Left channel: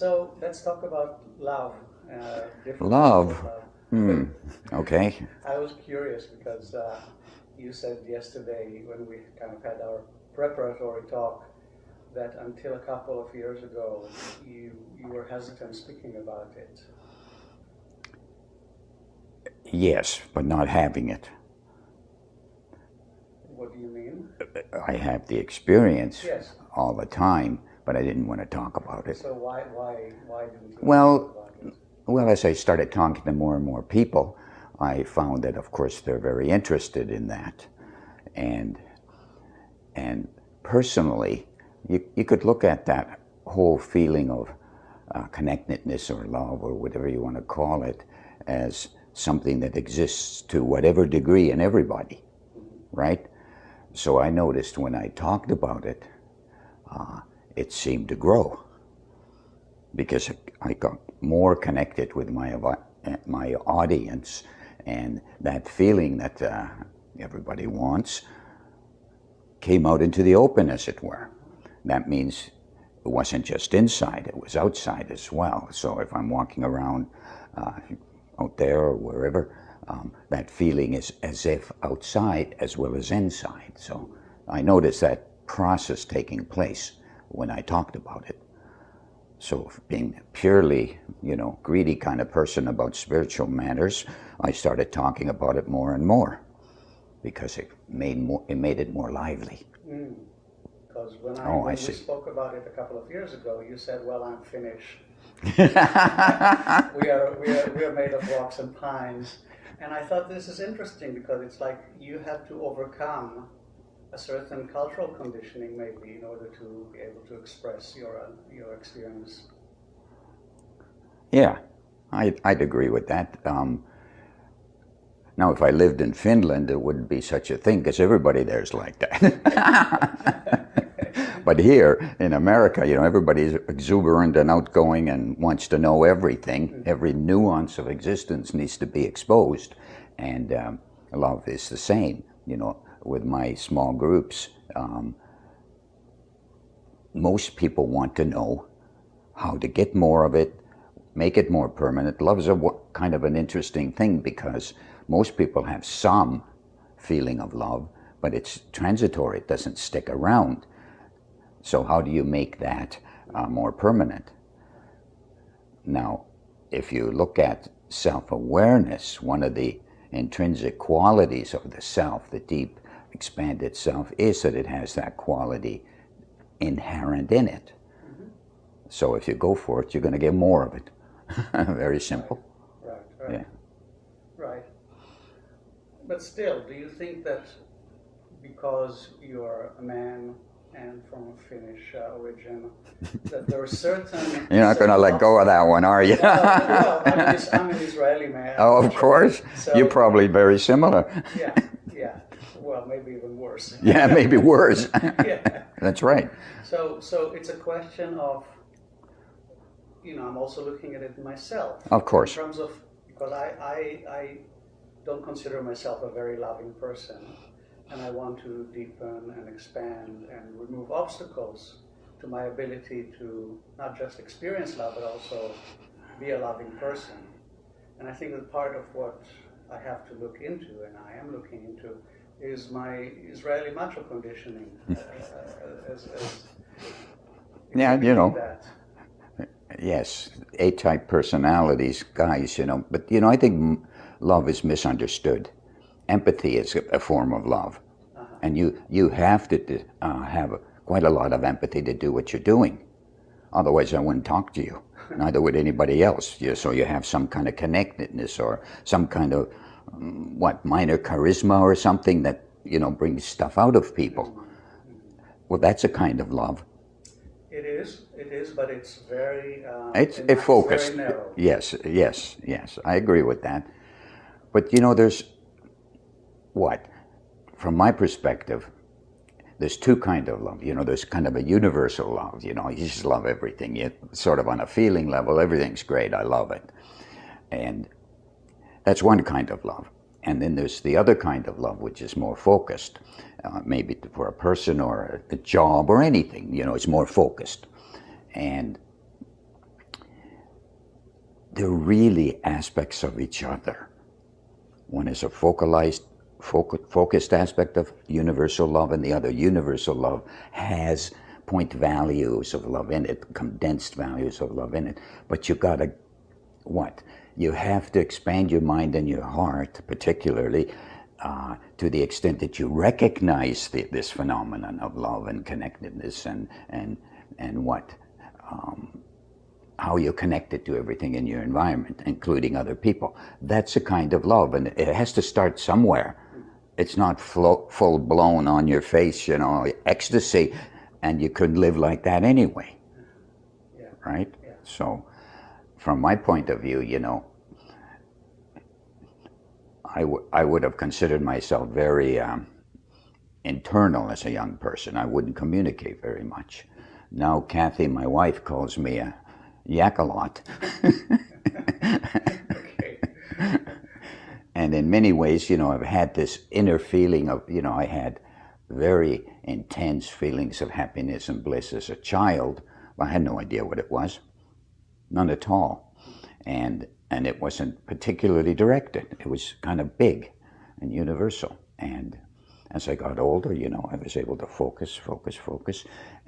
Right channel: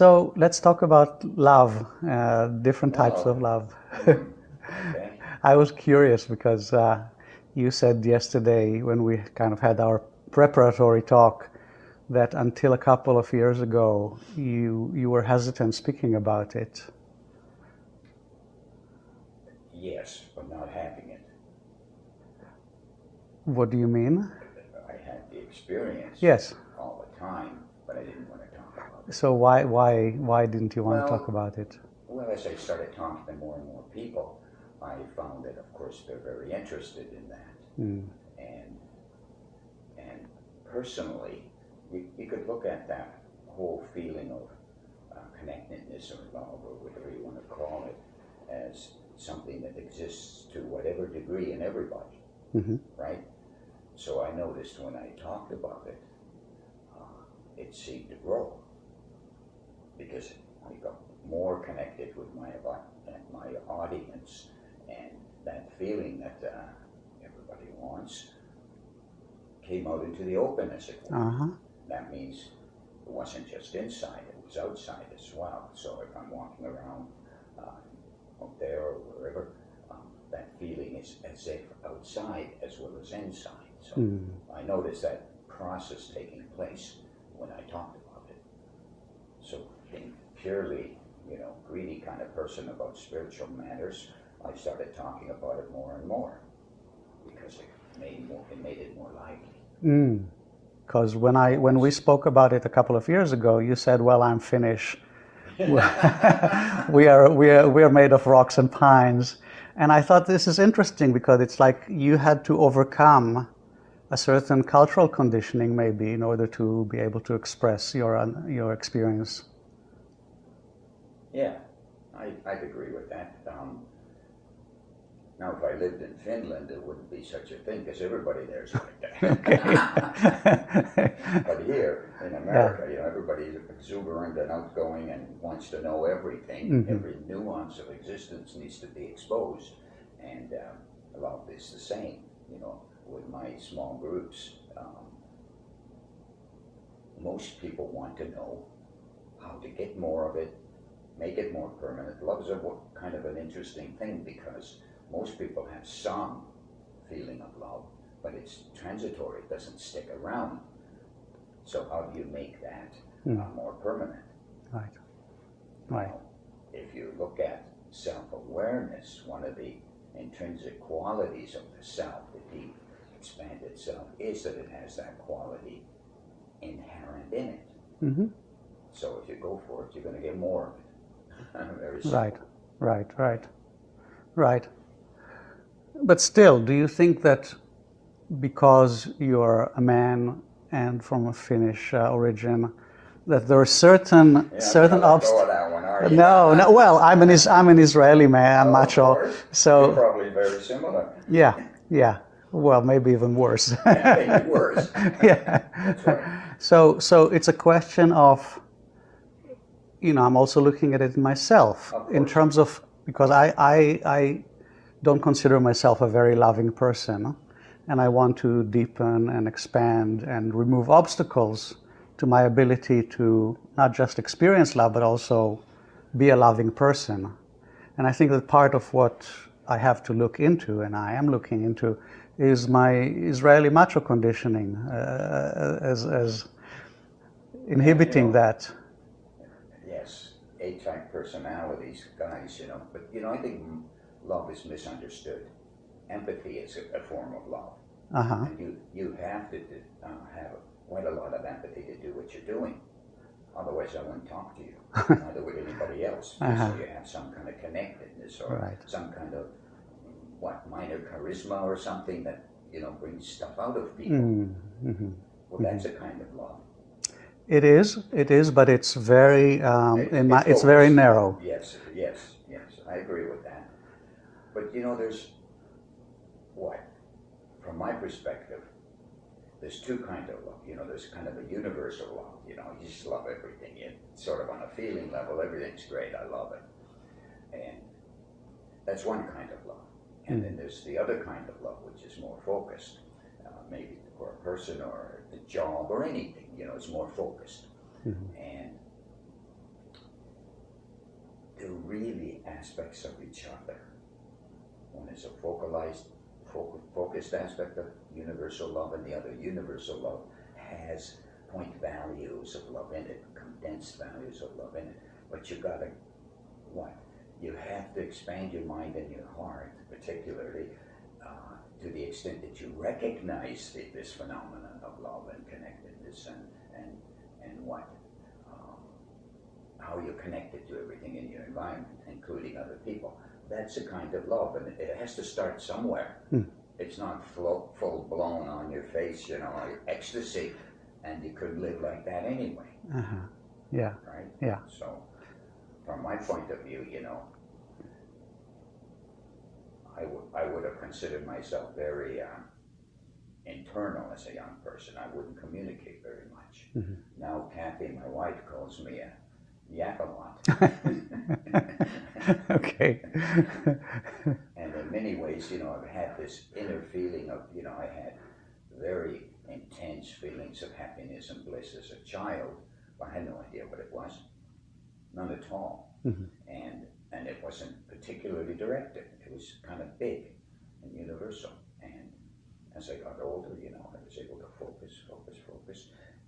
So let's talk about love, different types of Love. love. Okay. I was curious because you said yesterday when we kind of had our preparatory talk that until a couple of years ago you were hesitant speaking about it. Yes, but not having it. What do you mean? I have the experience Yes. all the time, but I didn't want to talk about it. So why didn't you want to talk about it? Well, as I started talking to more and more people, I found that, of course, they're very interested in that. And personally, you could look at that whole feeling of connectedness or love or whatever you want to call it as something that exists to whatever degree in everybody, right? So I noticed when I talked about it, it seemed to grow because I got more connected with my audience, and that feeling that everybody wants came out into the open, as it were. That means it wasn't just inside, it was outside as well. So if I'm walking around out there or wherever, that feeling is as if outside as well as inside. So I noticed that process taking place when I talked about it. So being purely, greedy kind of person about spiritual matters, I started talking about it more and more because it made it more lively. Because when we spoke about it a couple of years ago, you said, "Well, I'm Finnish. we are made of rocks and pines," and I thought this is interesting because it's like you had to overcome a certain cultural conditioning, maybe, in order to be able to express your experience. Yeah, I'd agree with that. Now, if I lived in Finland, it wouldn't be such a thing because everybody there's like that. But here in America, everybody's exuberant and outgoing and wants to know everything. Every nuance of existence needs to be exposed, and love is the same. With my small groups, most people want to know how to get more of it, make it more permanent. Love is kind of an interesting thing because most people have some feeling of love, but it's transitory, it doesn't stick around. So how do you make that more permanent? Right. Now, if you look at self-awareness, one of the intrinsic qualities of the self, the deep expanded self, is that it has that quality inherent in it. So if you go for it, you're going to get more of it. Very simple. Right. But still, do you think that because you're a man and from a Finnish origin, that there are certain You're not going to let go of that one, are you? No. Well, I'm an Israeli man. Oh, of course. So you're probably very similar. Yeah. Well, maybe even worse. Yeah, maybe worse. Yeah. That's right. So it's a question of, I'm also looking at it myself. Of course. In terms of, because I don't consider myself a very loving person, and I want to deepen and expand and remove obstacles to my ability to not just experience love, but also be a loving person. And I think that part of what I have to look into, and I am looking into, is my Israeli macho conditioning as inhibiting that. Yes, A-type personalities, guys, but I think love is misunderstood. Empathy is a form of love. And you have to have quite a lot of empathy to do what you're doing. Otherwise, I wouldn't talk to you, neither would anybody else. So you have some kind of connectedness or some kind of, minor charisma or something that, brings stuff out of people. Well, that's a kind of love. It is, but it's very, it's very narrow. Yes, I agree with that. But there's, from my perspective, there's two kinds of love. There's kind of a universal love. You just love everything. You sort of on a feeling level, everything's great. I love it, and that's one kind of love. And then there's the other kind of love, which is more focused, maybe for a person or a job or anything. It's more focused, and they're really aspects of each other. One is a focused aspect of universal love, and the other, universal love, has point values of love in it, condensed values of love in it. But you gotta, what? You have to expand your mind and your heart, particularly, to the extent that you recognize this phenomenon of love and connectedness and what? How you're connected to everything in your environment, including other people. That's a kind of love, and it has to start somewhere. It's not full-blown on your face, ecstasy, and you could live like that anyway. Yeah. Right? Yeah. So, from my point of view, I would have considered myself very internal as a young person. I wouldn't communicate very much. Now, Kathy, my wife, calls me a yak-a-lot. Okay. And in many ways, I've had this inner feeling of, I had very intense feelings of happiness and bliss as a child. But I had no idea what it was. None at all. And it wasn't particularly directed. It was kind of big and universal. And as I got older, I was able to focus,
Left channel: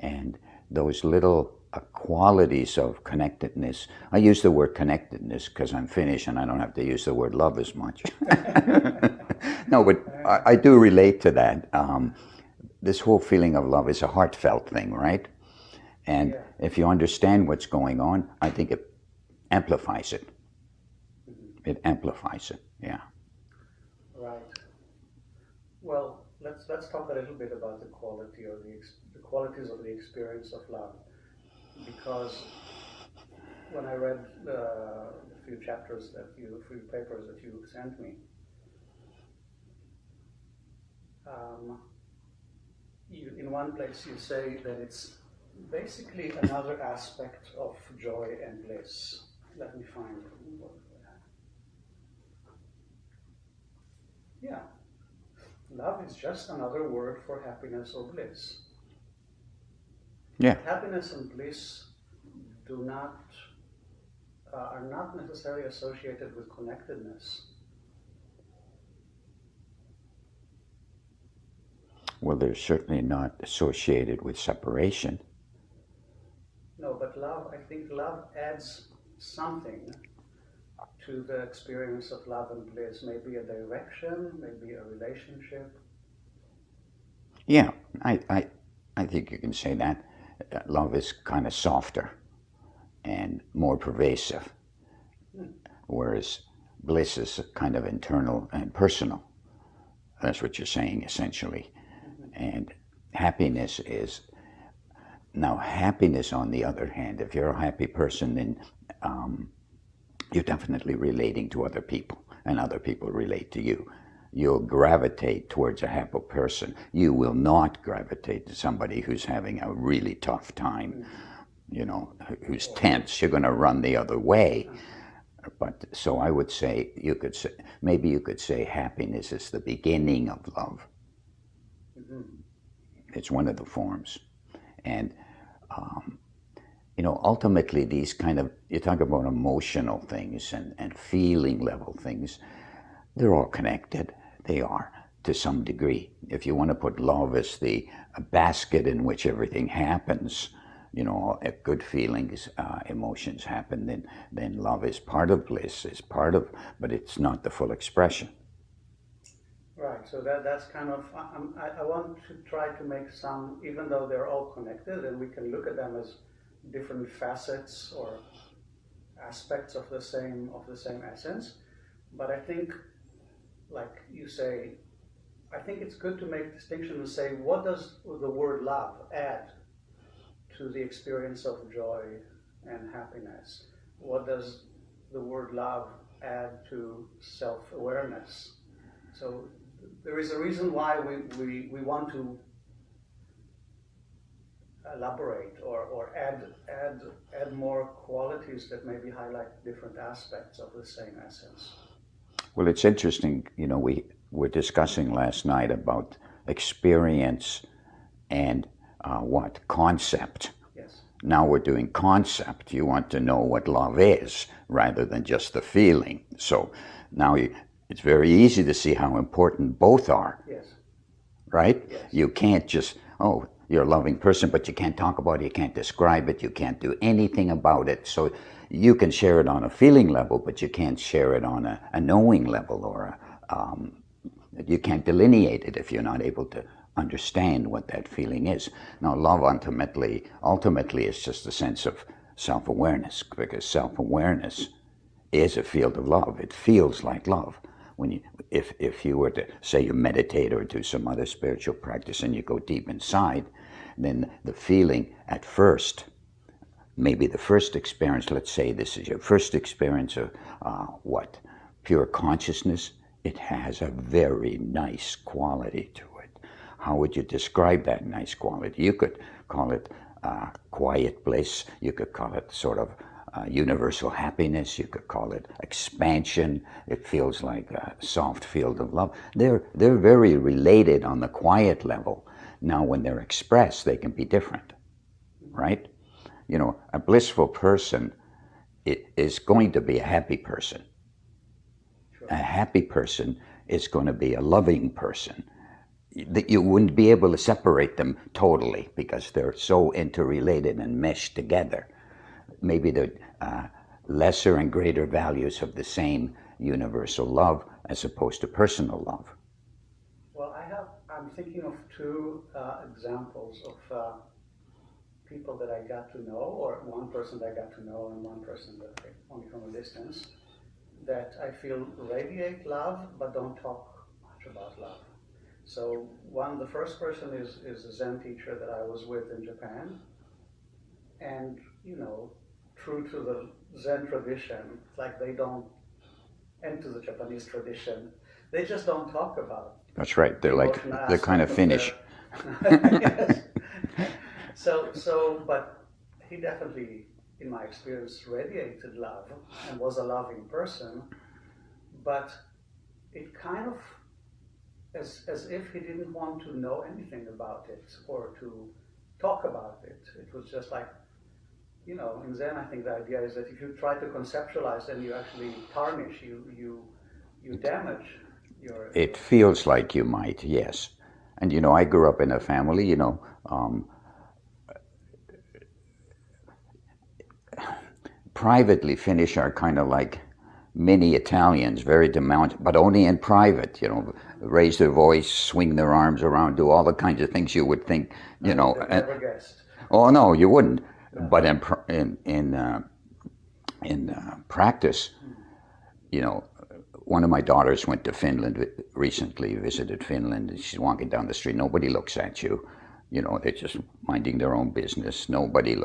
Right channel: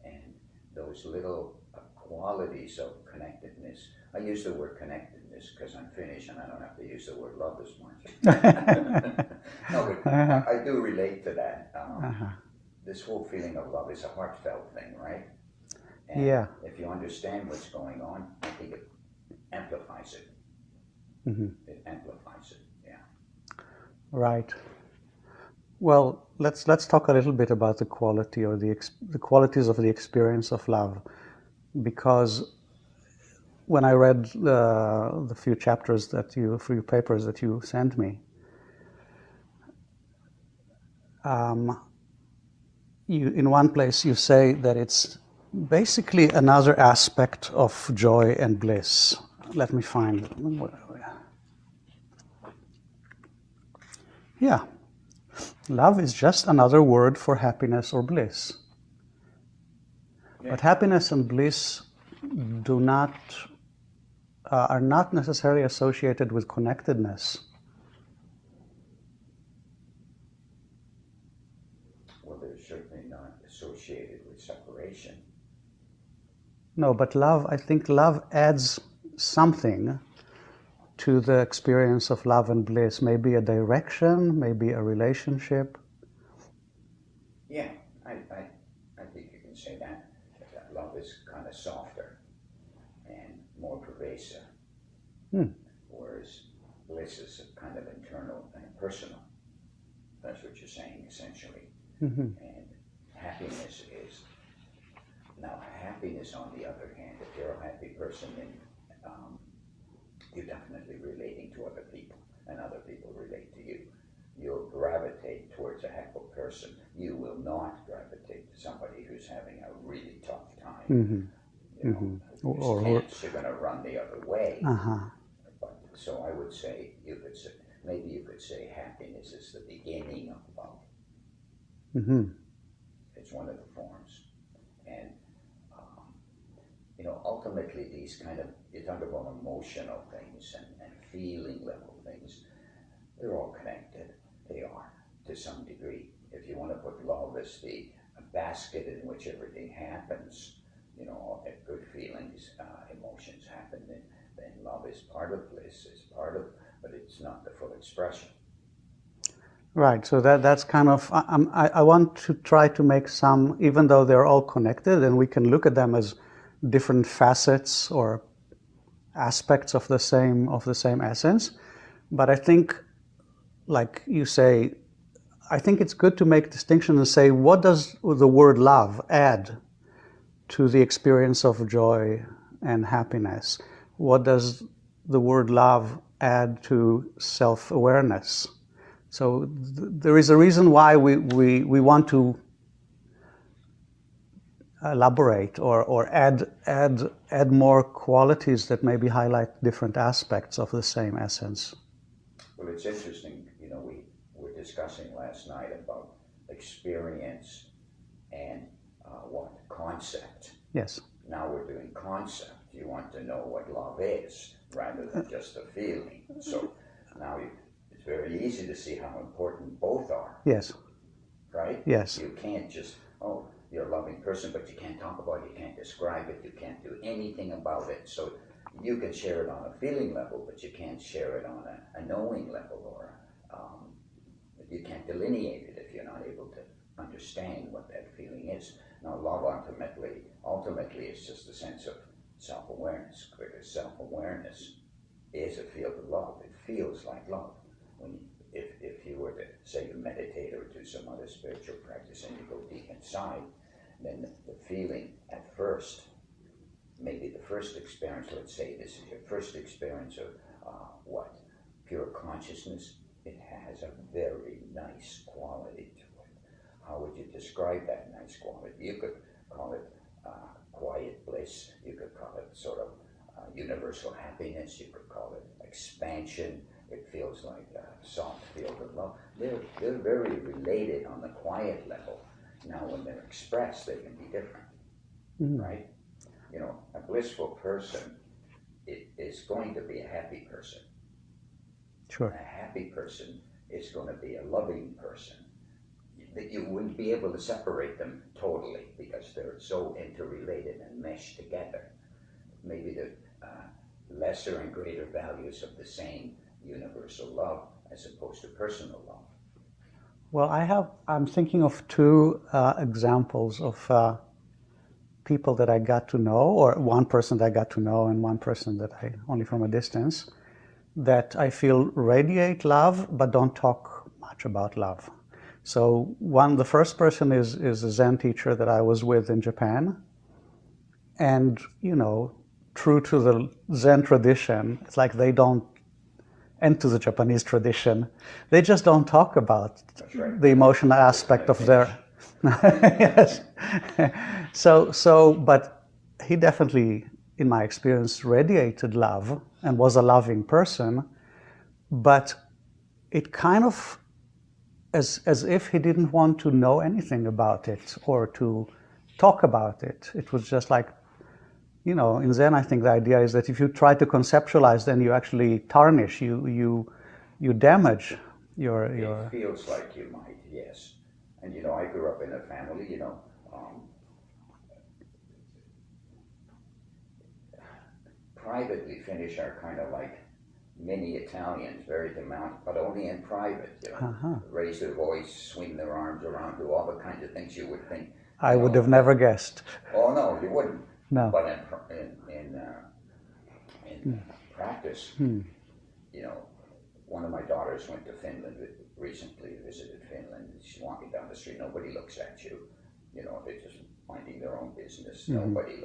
and those little qualities of connectedness. I use the word connectedness because I'm Finnish and I don't have to use the word love as much. No, but I do relate to that. This whole feeling of love is a heartfelt thing, right? And if you understand what's going on, I think it amplifies it. It amplifies it, yeah. Right. Well, let's talk a little bit about the quality or the qualities of the experience of love, because when I read the few chapters few papers that you sent me, in one place you say that it's basically another aspect of joy and bliss. Let me find. Yeah. Love is just another word for happiness or bliss. Yeah. But happiness and bliss are not necessarily associated with connectedness. Well, they're certainly not associated with separation. No, but I think love adds something to the experience of love and bliss. Maybe a direction, maybe a relationship. Yeah, I think you can say that. Love is kind of softer and more pervasive, whereas bliss is kind of internal and personal. That's what you're saying, essentially. And happiness is... Now, happiness, on the other hand, if you're a happy person, then you're definitely relating to other people, and other people relate to you. You'll gravitate towards a happy person. You will not gravitate to somebody who's having a really tough time, who's tense. You're going to run the other way. But so I would say, maybe you could say happiness is the beginning of love. It's one of the forms. And ultimately these kind of, you talk about emotional things and feeling level things, they're all connected. They are, to some degree. If you want to put love as a basket in which everything happens, if good feelings, emotions happen, then love is part of bliss, but it's not the full expression. Right, so that's kind of, I want to try to make some, even though they're all connected and we can look at them as different facets or aspects of the same essence, but I think, like you say, I think it's good to make distinction and say, what does the word love add to the experience of joy and happiness? What does the word love add to self-awareness? So there is a reason why we want to elaborate or add more qualities that maybe highlight different aspects of the same essence. Well, it's interesting, we were discussing last night about experience and concept. Yes. Now we're doing concept. You want to know what love is rather than just the feeling. So now it's very easy to see how important both are, Yes. right? Yes. You can't just, oh, you're a loving person, but you can't talk about it, you can't describe it, you can't do anything about it. So you can share it on a feeling level, but you can't share it on a knowing level, or you can't delineate it if you're not able to understand what that feeling is. Now, love ultimately is just a sense of self-awareness, because self-awareness is a field of love. It feels like love. When you, if you were to say you meditate or do some other spiritual practice and you go deep inside, then the feeling at first, maybe the first experience, let's say this is your first experience of what? Pure consciousness, it has a very nice quality to it. How would you describe that nice quality? You could call it quiet bliss, you could call it sort of universal happiness, you could call it expansion. It feels like a soft field of love. They're very related on the quiet level. Now when they're expressed, they can be different, right? You know, a blissful person is going to be a happy person. Sure. A happy person is going to be a loving person. That you wouldn't be able to separate them totally because they're so interrelated and meshed together. Maybe they're lesser and greater values of the same universal love as opposed to personal love. Well, I'm thinking of two examples of people that I got to know, or one person that I got to know and one person that I only from a distance, that I feel radiate love but don't talk much about love. So the first person is a Zen teacher that I was with in Japan, and you know, true to the Zen tradition, it's like they don't, and to the Japanese tradition, they just don't talk about That's right. the emotional aspect of their. Yes. But he definitely, in my experience, radiated love and was a loving person, but it kind of as if he didn't want to know anything about it or to talk about it. It was just like, you know, in Zen, I think the idea is that if you try to conceptualize, then you actually tarnish, you damage your. It feels like you might, yes. And you know, I grew up in a family, you know, privately Finnish are kind of like mini Italians, very demanding, but only in private, you know, raise their voice, swing their arms around, do all the kinds of things you would think, I would have never guessed. Oh no, you wouldn't. No. But in practice, you know, one of my daughters went to Finland recently, visited Finland. She's walking down the street, nobody looks at you. You know, they're just minding their own business. Nobody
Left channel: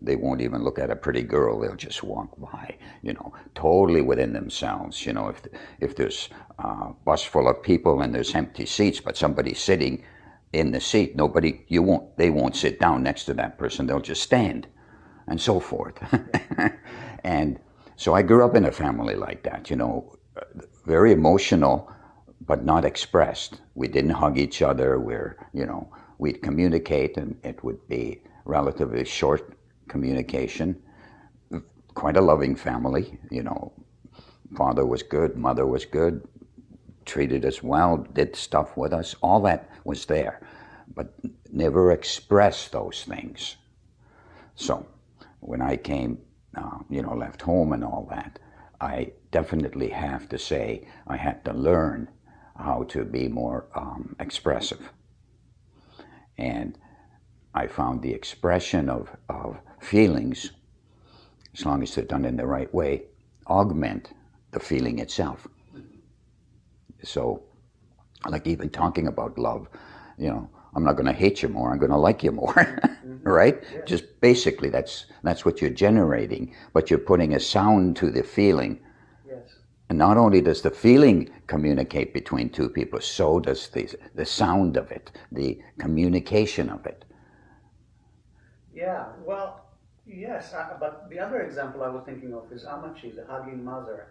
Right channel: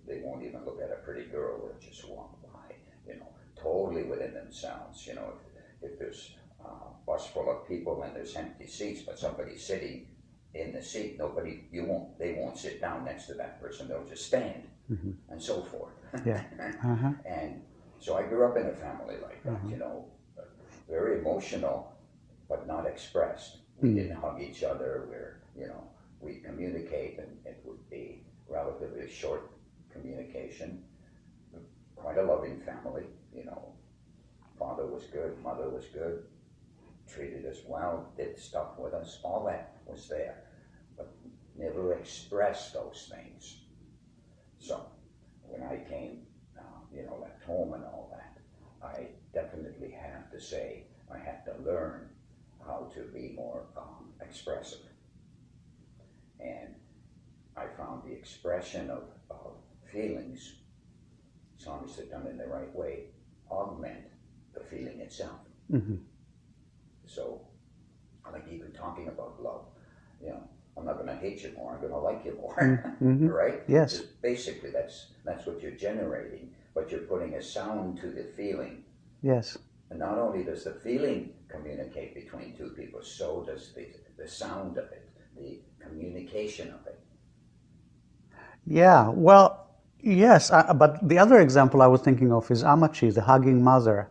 they won't even look at a pretty girl. They'll just walk by, you know, totally within themselves. You know, if there's a bus full of people and there's empty seats, but somebody's sitting in the seat, they won't sit down next to that person. They'll just stand, and so forth. Yeah. And so I grew up in a family like that, you know, very emotional, but not expressed. We didn't hug each other. We'd communicate, and it would be relatively short communication. Quite a loving family, you know. Father was good, mother was good, treated us well, did stuff with us. All that was there, but never expressed those things. So when I came, you know, left home and all that, I definitely have to say I had to learn how to be more expressive. And I found the expression of feelings, as long as they're done in the right way, augment the feeling itself. So, like even talking about love, you know, I'm not going to hate you more, I'm going to like you more, right? Yes. Just basically that's what you're generating, but you're putting a sound to the feeling. Yes. And not only does the feeling communicate between two people, so does the sound of it, the communication of it. Yeah, well, yes, but the other example I was thinking of is Amachi, the hugging mother,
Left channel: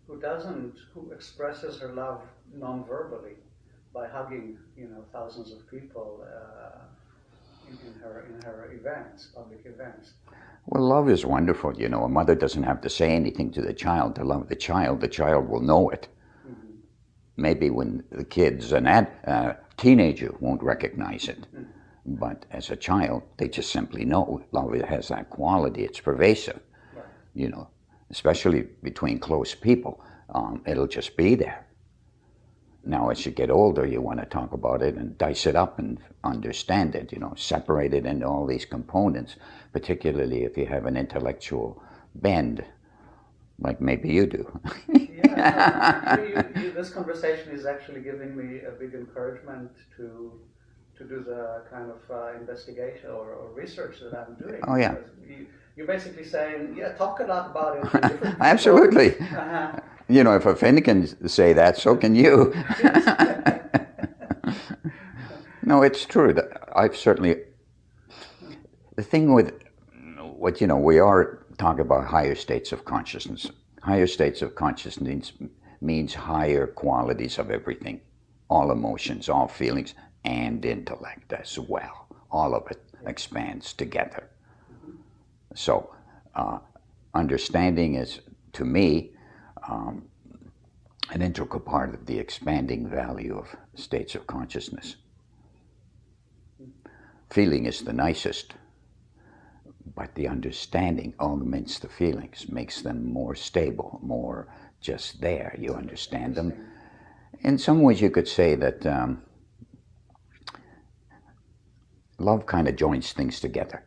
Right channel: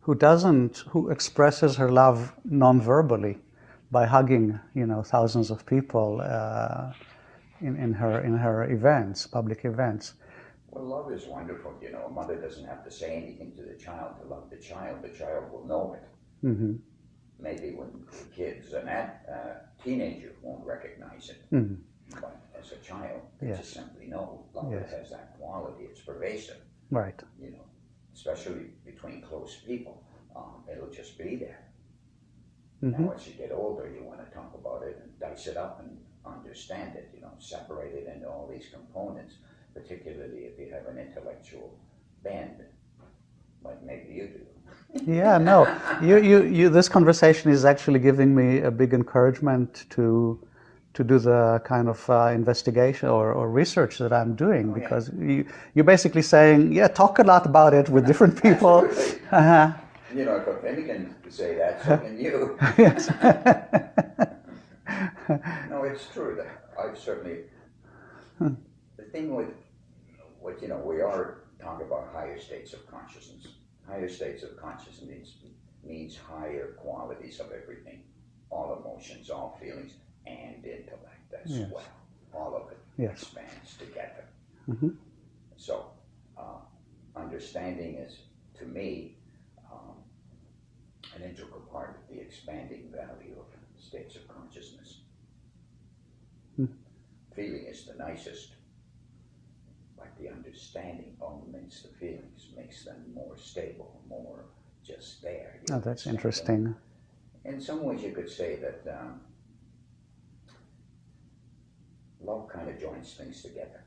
who expresses her love non-verbally by hugging, you know, thousands of people. in her events, public events. Well, love is wonderful. You know, a mother doesn't have to say anything to the child to love the child will know it. Mm-hmm. Maybe when the kid's a teenager won't recognize it. Mm-hmm. But as a child, they Yes. just simply know. Love has that quality. It's pervasive, Right. you know, especially between close people. It'll just be there. Mm-hmm. Now, as you get older, you want to talk about it and dice it up and understand it, you know, separate it into all these components, particularly if you have an intellectual bend, like maybe you do. Yeah, no, this conversation is actually giving me a big encouragement to do the kind of investigation or research that I'm doing. Oh, yeah. Because you're basically saying, yeah, talk a lot about it with different people. Absolutely. Uh-huh. You know, if a Finn can say that, so can you. No, it's true. I've certainly, the thing with what, you know, we are talking about higher states of consciousness. Higher states of consciousness means higher qualities of everything, all emotions, all feelings, and intellect as well. All of it expands together. Mm-hmm. So understanding is, to me, an integral part of the expanding value of states of consciousness. Feeling is the nicest, but the understanding augments the feelings, makes them more stable, more just there. You understand them. In some ways, you could say that love kind of joins things together.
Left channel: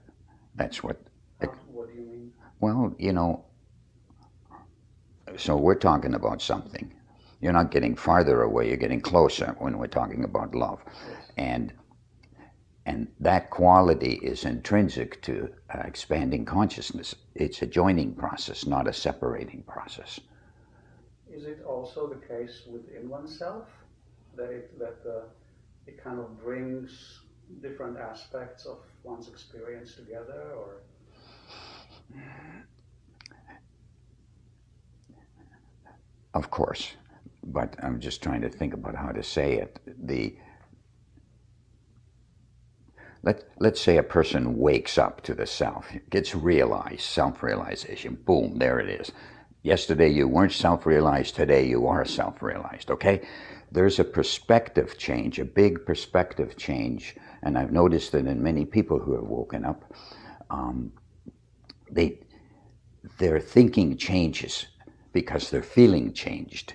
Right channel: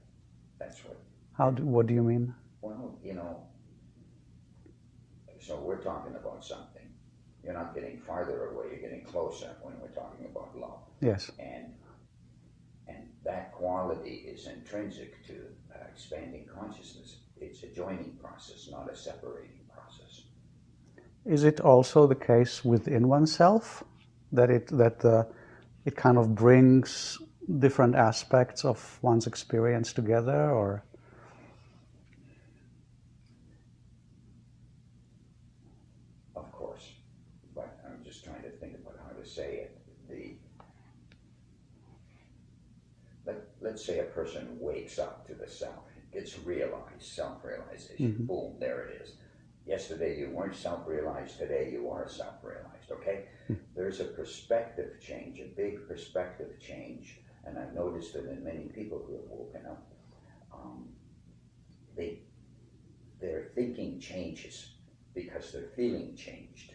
That's what. What do you mean? Well, you know, so we're talking about something. You're not getting farther away, you're getting closer when we're talking about love. Yes. And that quality is intrinsic to expanding consciousness. It's a joining process, not a separating process. Is it also the case within oneself that it kind of brings different aspects of one's experience together, or? Of course, but I'm just trying to think about how to say it. Let's say a person wakes up to the self, gets realized, self-realization, boom, there it is. Yesterday you weren't self-realized, today you are self-realized, okay? There's a perspective change, a big perspective change, and I've noticed that in many people who have woken up, their thinking changes because their feeling changed.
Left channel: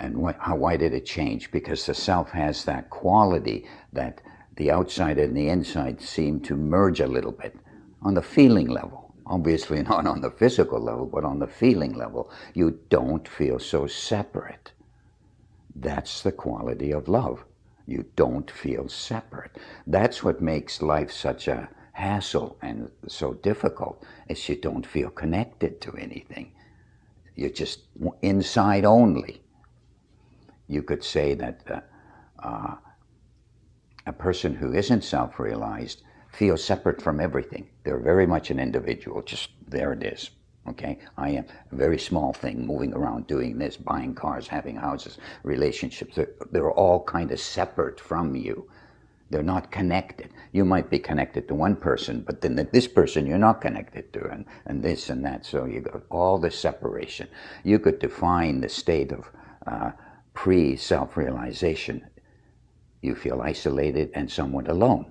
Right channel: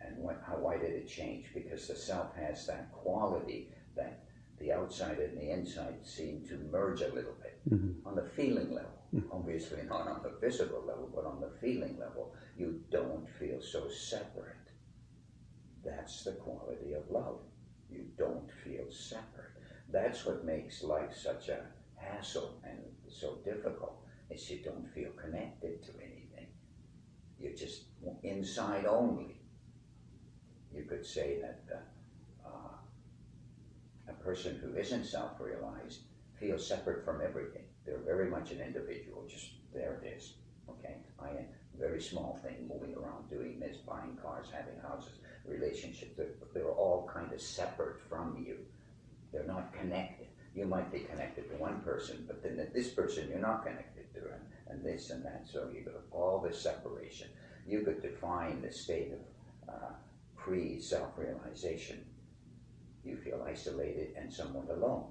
And why did it change? Because the self has that quality that the outside and the inside seem to merge a little bit on the feeling level. Obviously not on the physical level, but on the feeling level. You don't feel so separate. That's the quality of love. You don't feel separate. That's what makes life such a hassle and so difficult, is you don't feel connected to anything. You're just inside only. You could say that a person who isn't self-realized feels separate from everything. They're very much an individual, just there it is, okay? I am a very small thing, moving around, doing this, buying cars, having houses, relationships. They're all kind of separate from you. They're not connected. You might be connected to one person, but then this person you're not connected to, and this and that. So you got all the separation. You could define the state of pre-self-realization. You feel isolated and somewhat alone.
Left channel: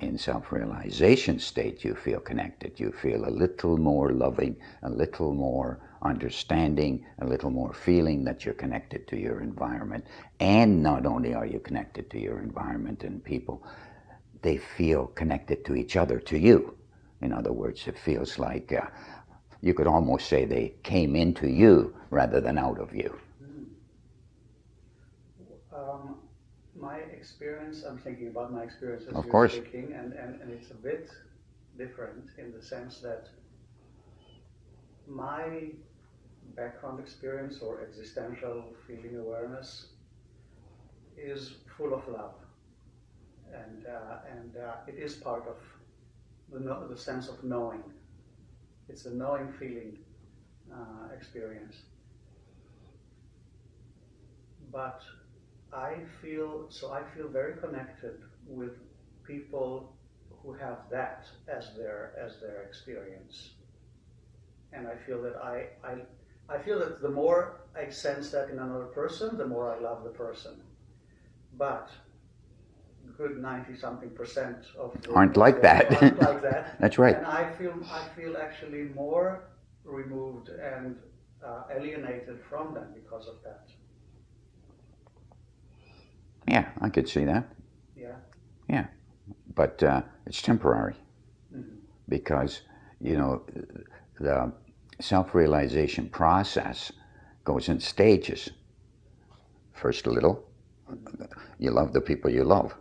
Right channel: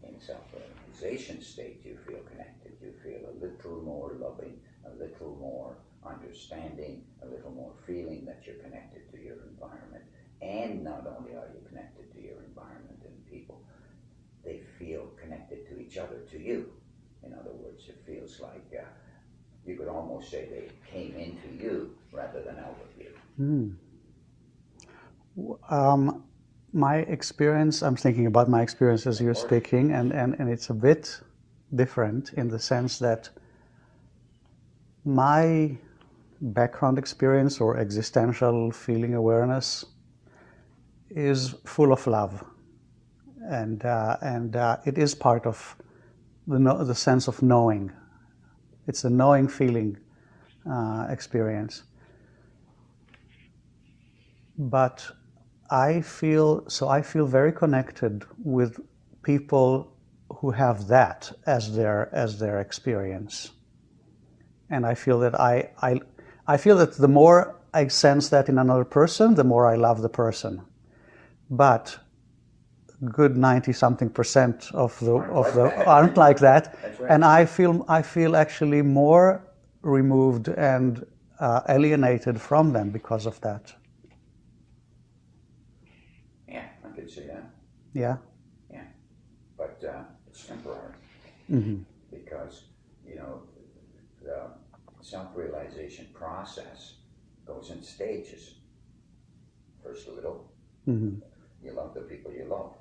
In self-realization state, you feel connected. You feel a little more loving, a little more understanding, a little more feeling that you're connected to your environment. And not only are you connected to your environment and people, they feel connected to each other, to you. In other words, it feels like you could almost say they came into you rather than out of you. My experience, I'm thinking about my experience as you're speaking, and it's a bit different in the sense that my background experience or existential feeling awareness is full of love, and it is part of the sense of knowing. It's a knowing feeling experience. But I feel very connected with people who have that as their experience. And I feel that I feel that the more I sense that in another person, the more I love the person. But good 90-something% Aren't like that. aren't like that. That's right. And I feel actually more removed and alienated from them because of that. Yeah, I could see that. Yeah. Yeah, but it's temporary because, you know, the self-realization process goes in stages. First a little, you love the people you love,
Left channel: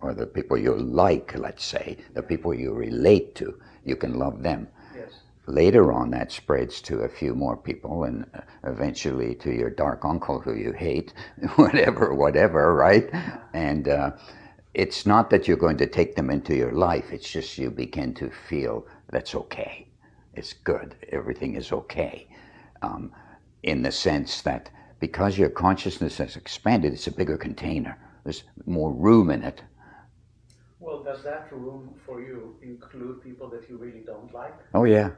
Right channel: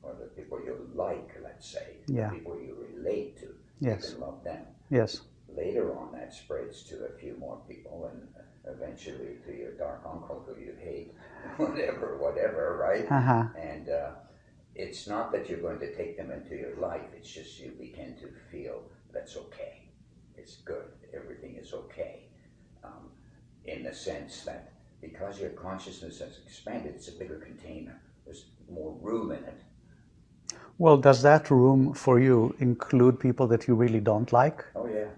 or the people you like, let's say, the Yeah. people you relate to, you Yes. can love them. Yes. Later on, that spreads to a few more people, and eventually to your dark uncle who you hate, whatever, right? And it's not that you're going to take them into your life, it's just you begin to feel that's okay. It's good, everything is okay. In the sense that because your consciousness has expanded, it's a bigger container. There's more room in it. Well, does that room for you include people that you really don't like? Oh yeah.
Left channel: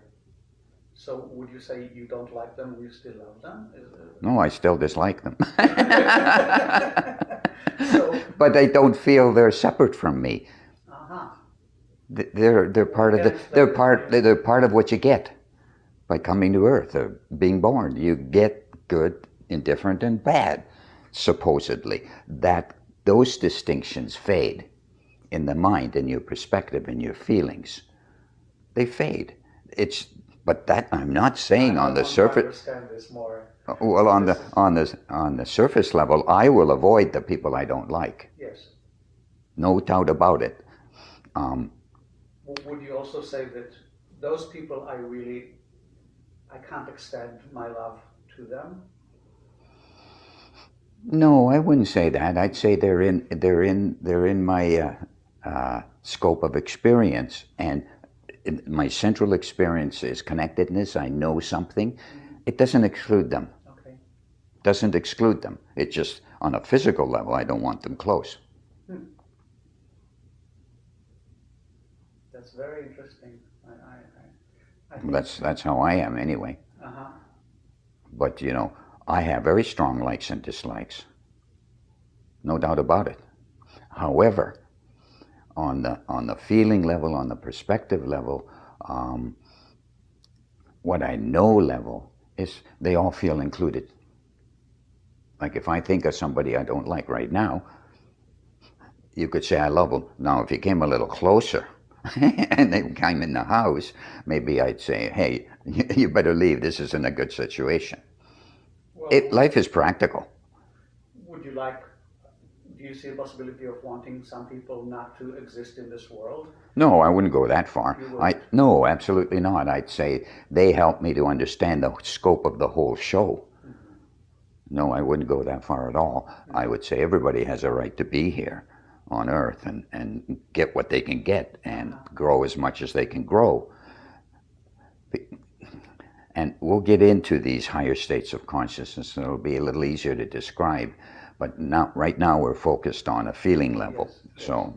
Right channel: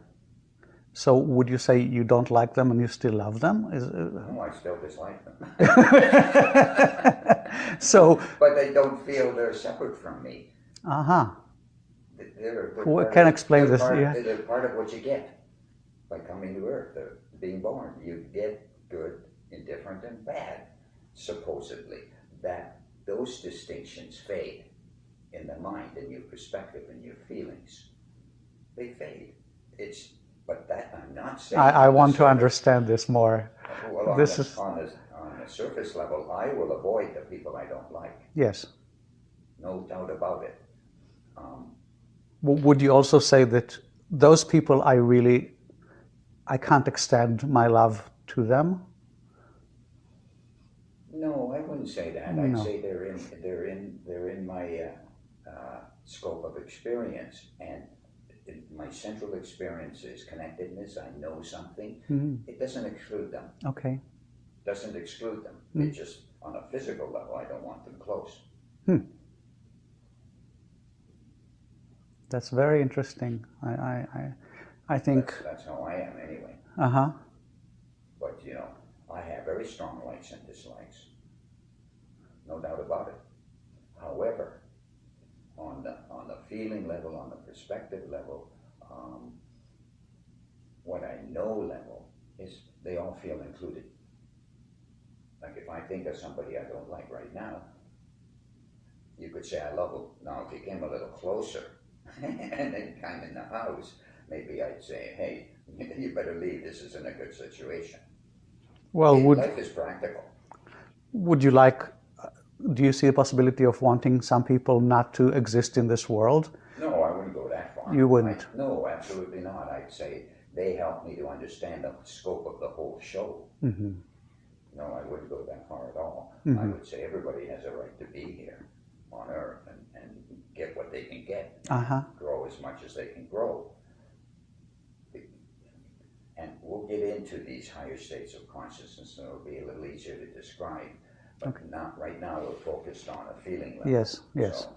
So would you say you don't like them and you still love them? No, I still dislike them. So, but I don't feel they're separate from me. They're part of they're part of what you get by coming to Earth, or being born. You get good, indifferent, and bad, supposedly. Those distinctions fade in the mind, in your perspective, in your feelings. They fade. But that I'm not saying I on the want surface. to understand this more. Well, on the surface level, I will avoid the people I don't like. Yes. No doubt about it. Would you also say that those people I can't extend my love to them? No, I wouldn't say that. I'd say they're in my scope of experience, and my central experience is connectedness. I know something. It doesn't exclude them. Okay. Doesn't exclude them. It just, on a physical level, I don't want them close. That's very interesting. I think That's how I am anyway. But you know, I have very strong likes and dislikes. No doubt about it. However, on the feeling level, on the perspective level, what I know level is they all feel included. Like if I think of somebody I don't like right now, you could say I love them. Now if you came a little closer and they came in the house, maybe I'd say, hey, you better leave, this isn't a good situation. Well, life is practical. Do you see a possibility of wanting some people not to exist in this world? No, I wouldn't go that far. You wouldn't? No, absolutely not. I'd say they help me to understand the scope of the whole show. No, I wouldn't go that far at all. I would say everybody has a right to be here on Earth and get what they can get and grow as much as they can grow. And we'll get into these higher states of consciousness, and it'll be a little easier to describe. But right now we're focused on a feeling level. Yes, yes. So,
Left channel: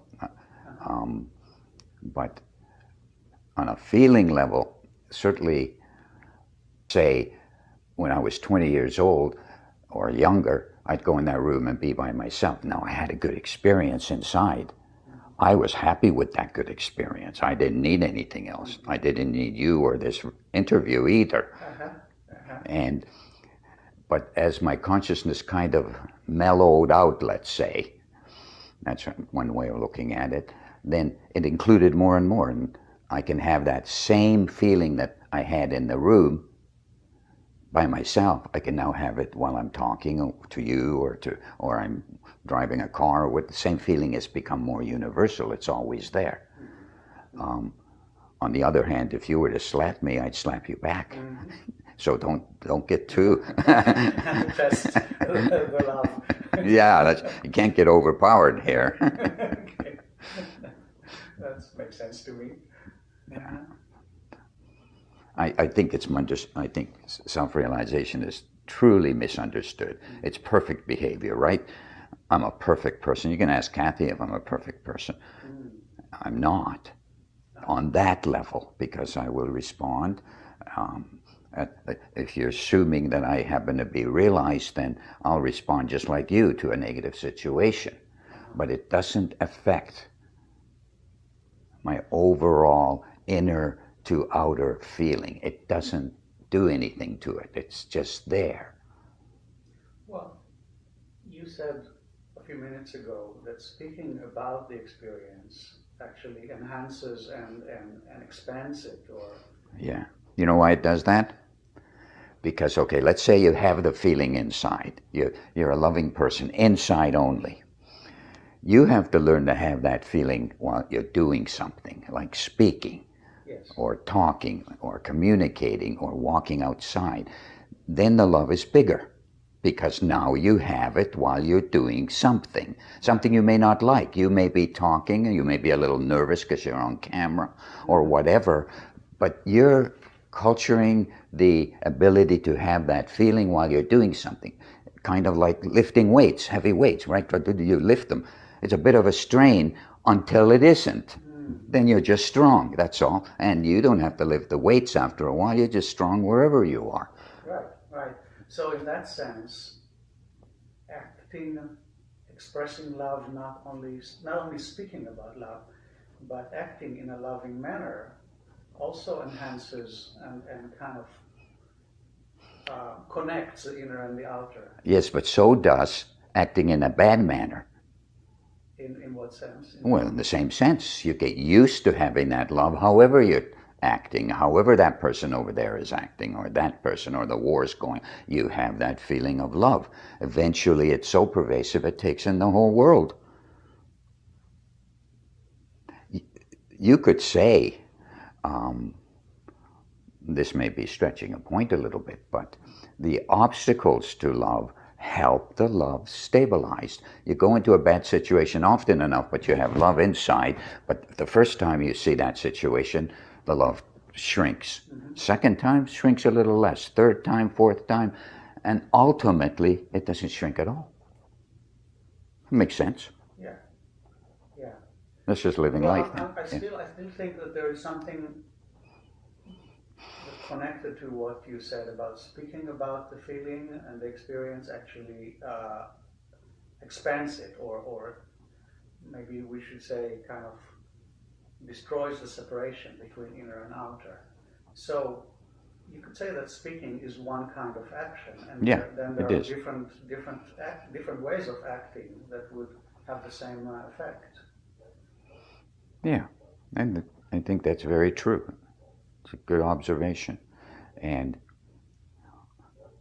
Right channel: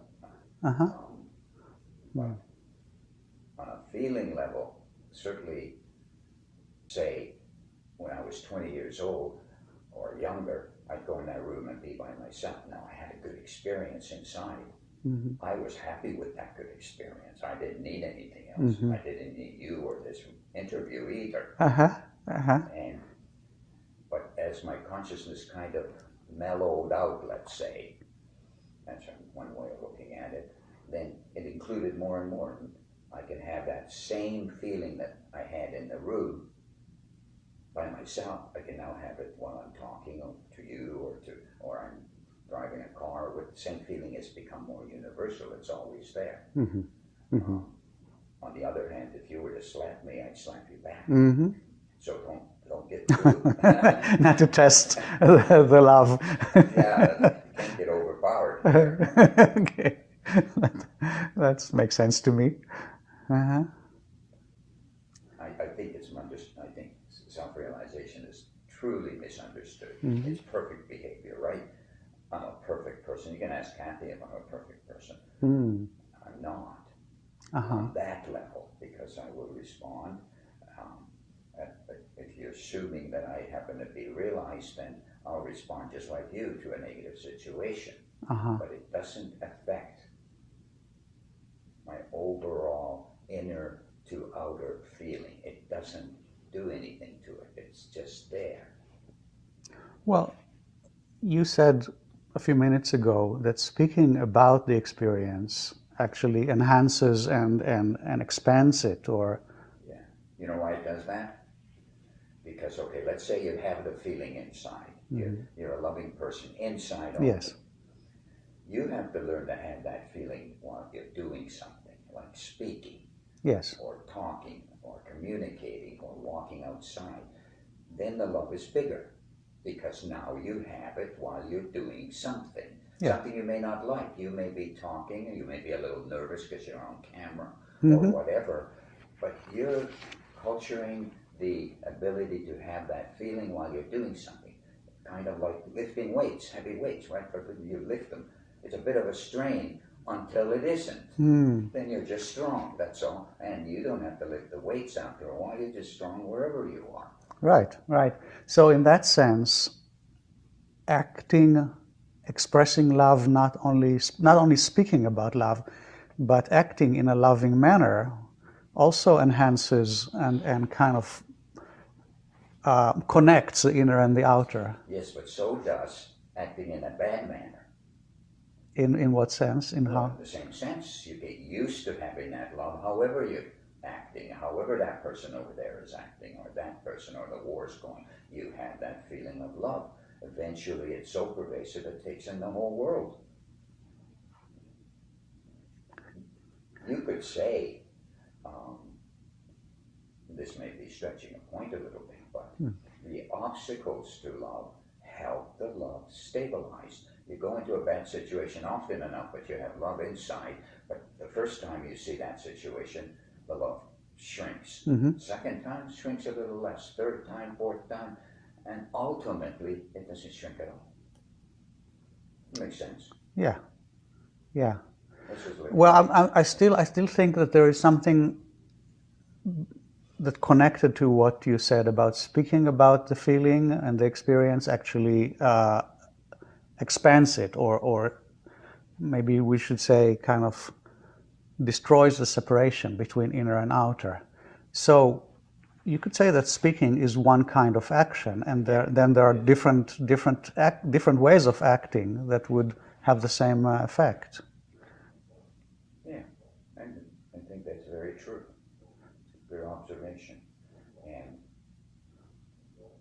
but on a feeling level, certainly, say, when I was 20 years old or younger, I'd go in that room and be by myself. Now, I had a good experience inside. I was happy with that good experience. I didn't need anything else. I didn't need you or this interview either. But as my consciousness kind of mellowed out, let's say, that's one way of looking at it, then it included more and more. And I can have that same feeling that I had in the room by myself. I can now have it while I'm talking to you or I'm driving a car. With the same feeling has become more universal. It's always there. On the other hand, if you were to slap me, I'd slap you back. So don't get too not to test the love. Yeah, you can't get overpowered here. Okay, that makes sense to me. I think I think self-realization is truly misunderstood. It's perfect behavior, right? I'm a perfect person. You can ask Kathy if I'm a perfect person. I'm not on that level, because I will respond. Um, if you're assuming that I happen to be realized, then I'll respond just like you to a negative situation. But it doesn't affect my overall inner to outer feeling. It doesn't do anything to it. It's just there. Well, you said a few minutes ago that speaking about the experience actually enhances and expands it, or Yeah. You know why it does that? Because, okay, let's say you have the feeling inside. You're a loving person, inside yes, only. You have to learn to have that feeling while you're doing something, like speaking, yes, or talking, or communicating, or walking outside. Then the love is bigger, because now you have it while you're doing something. yeah, Something you may not like. You may be talking, and you may be a little nervous because you're on camera, or whatever, but you're culturing the ability to have that feeling while you're doing something. Kind of like lifting weights, heavy weights, right? You lift them. It's a bit of a strain until it isn't. Then you're just strong, that's all. And you don't have to lift the weights after a while. You're just strong wherever you are. right, right. So in that sense, acting, expressing love, not only speaking about love, but acting in a loving manner also enhances and kind of connects the inner and the outer. Yes, but so does acting in a bad manner. In what sense? Well, in the same sense, you get used to having that love, however you're acting, however that person over there is acting, or that person, or the war's going, you have that feeling of love. Eventually, it's so pervasive, it takes in the whole world. You could say, this may be stretching a point a little bit, but the obstacles to love help the love stabilize. You go into a bad situation often enough, but you have love inside, but the first time you see that situation, the love shrinks. Second time, shrinks a little less. Third time, fourth time, and ultimately, it doesn't shrink at all. Makes sense. Yeah, yeah. This is living Well, life. I still think that there is something that connected to what you said about speaking about the feeling and the experience actually expands it, or maybe we should say kind of destroys the separation between inner and outer. So you could say that speaking is one kind of action, and Yeah, then there it are is. different ways of acting that would have the same effect. Yeah, and I think that's very true. It's a good observation. And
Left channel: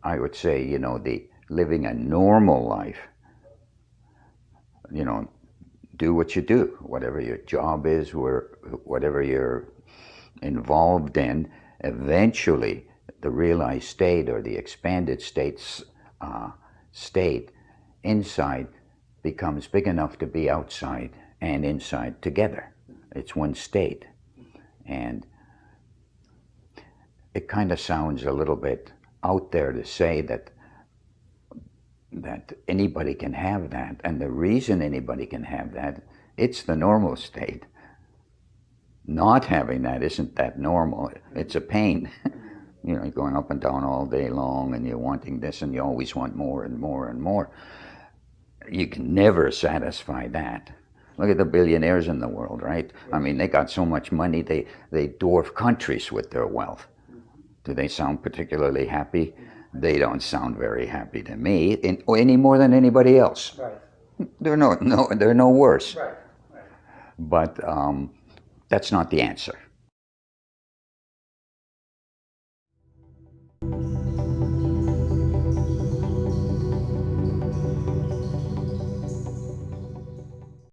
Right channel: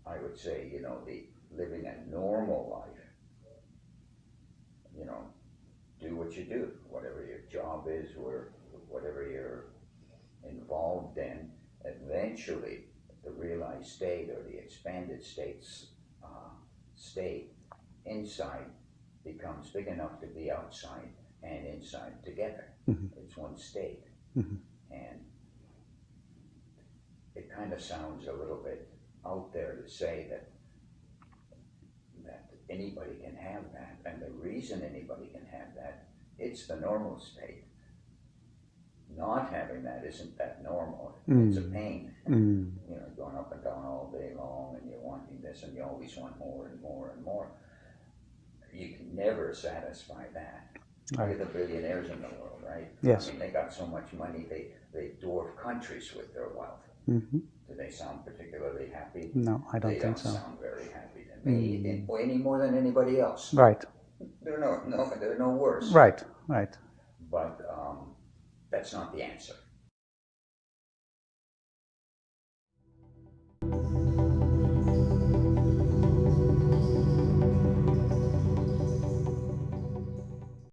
I would say, the living a normal life, do what you do, whatever your job is, whatever you're involved in, eventually the realized state or the expanded state inside becomes big enough to be outside and inside together. It's one state. And it kind of sounds a little bit out there to say that anybody can have that, and the reason anybody can have that, it's the normal state. Not having that isn't that normal. It's a pain. You're going up and down all day long, and you're wanting this, and you always want more and more and more. You can never satisfy that. Look at the billionaires in the world, right? Yes. I mean, they got so much money, they dwarf countries with their wealth. Do they sound particularly happy? No, I They don't don't think so. sound very happy to me, any more than anybody else. Right, They're no worse. right, right. But that's not the answer.